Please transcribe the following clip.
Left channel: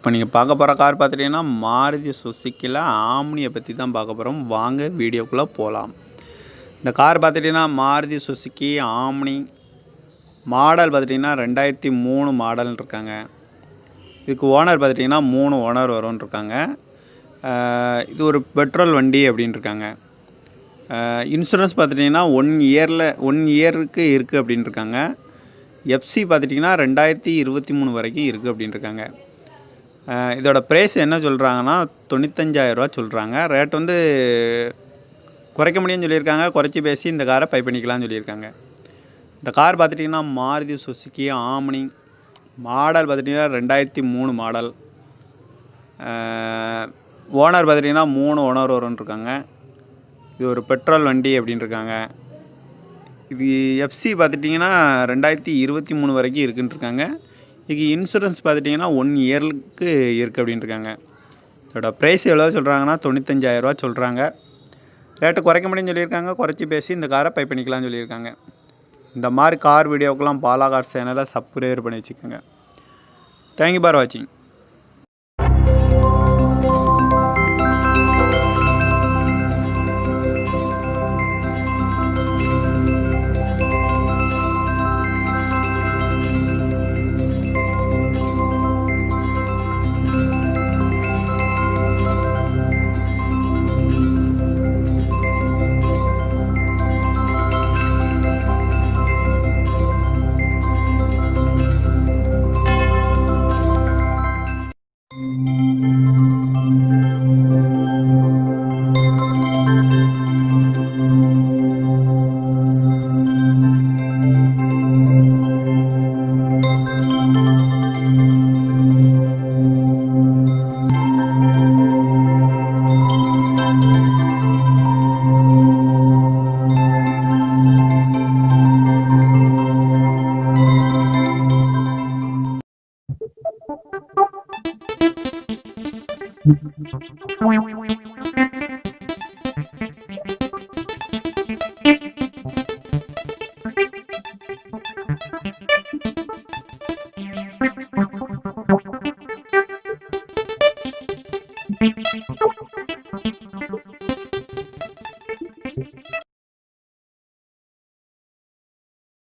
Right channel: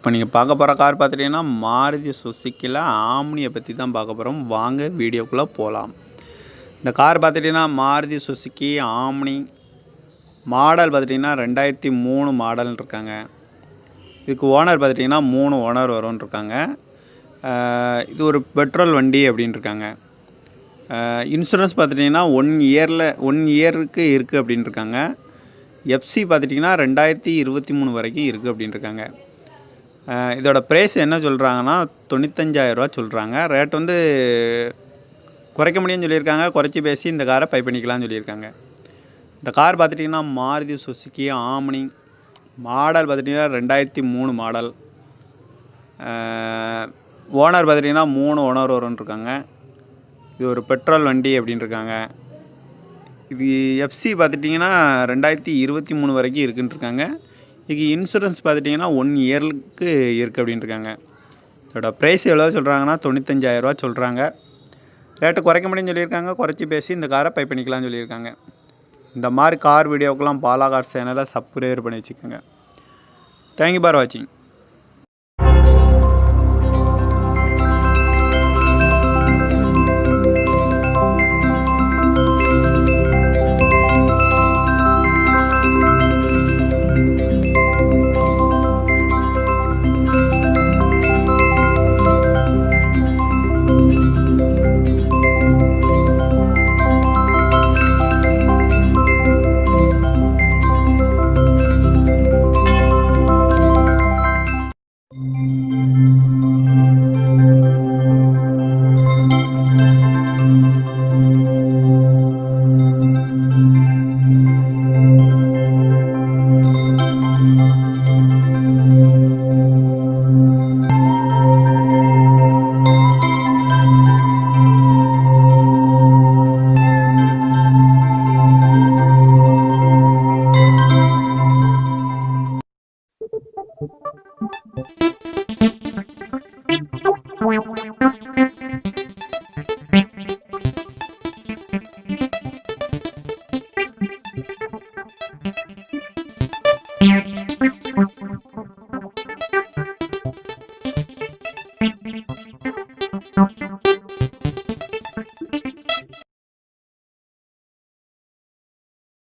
இப்போ நீங்கள் பார்க்க போகிற கார் பார்த்துட்டிங்கன்னா மாருதி சுசுக்கியில் ஆம்னியை பற்றி தான் பார்க்க போகிறோம். வாங்க வீடியோக்குள்ளே போகலாம். இந்த கார் பார்த்துட்டிங்கன்னா மாருதி சுசுக்கி ஆம்னி மாடல் பார்த்துட்டிங்கன்னா 2003 மாடல்னு இருக்காங்க. இதுக்கு ஓனர் பார்த்துட்டிங்கன்னா 3 ஓனர் வரும்னு இருக்காங்க. இது ஒரு பெட்ரோல் வண்டி அப்படின்னு இருக்காங்க. இன்சூரன்ஸ் பார்த்துட்டிங்கன்னா 1 இயருக்கு இருக்குது அப்படின்னு இருக்காங்க. எஃப்சி பார்த்துட்டிங்கன்னா 2023 வரைக்கும் இருக்குது அப்படின்னு இருக்காங்க. இதோட ப்ரைஸ் என்ன சொல்கிறாங்கன்னா 95,000 ரூபா சொல்கிறாங்க. ரேட் வந்து குறைக்க முடியும்னு சொல்லியிருக்காங்க. குறைச்சி பேசி இந்த காரை பை பண்ணிக்கலாம்னு சொல்லியிருக்காங்க. இந்த கார் பார்த்துட்டிங்கன்னா மாருதி சுசுக்கி ஆம்னி மாடல் பார்த்துட்டிங்கன்னா 2003 மாடல். ஓனர் பார்த்துட்டிங்கன்னா 3 ஓனர் வரும்னு இருக்காங்க. இது ஒரு பெட்ரோல் வண்டி அப்படின்னு இருக்காங்க. இது எஃப்சி பார்த்துட்டிங்கன்னா 2023 வரைக்கும் இருக்குன்னு இருக்காங்க. இதுக்கு இன்சூரன்ஸ் பார்த்துட்டிங்கன்னா 1 இயருக்கு இருக்குது அப்படின்னு இருக்காங்க. இதோட ப்ரைஸ் எவ்வளோ சொல்கிறாங்கன்னா 95,000 ரூபா சொல்கிறாங்க. ரேட்டு குறைக்க முடியும்னு சொல்லியிருக்காங்க. குறைச்சி பேசி இந்த காரை பை பண்ணிக்கலாம்னு சொல்லியிருக்காங்க. இந்த மாதிரி கார் வீடியோக்கெல்லாம் பாலா கார் சேனலை சப்ஸ்கிரைப் பண்ணி வச்சுக்கோங்க. தேங்க்யூ ஃபார் வாட்சிங்.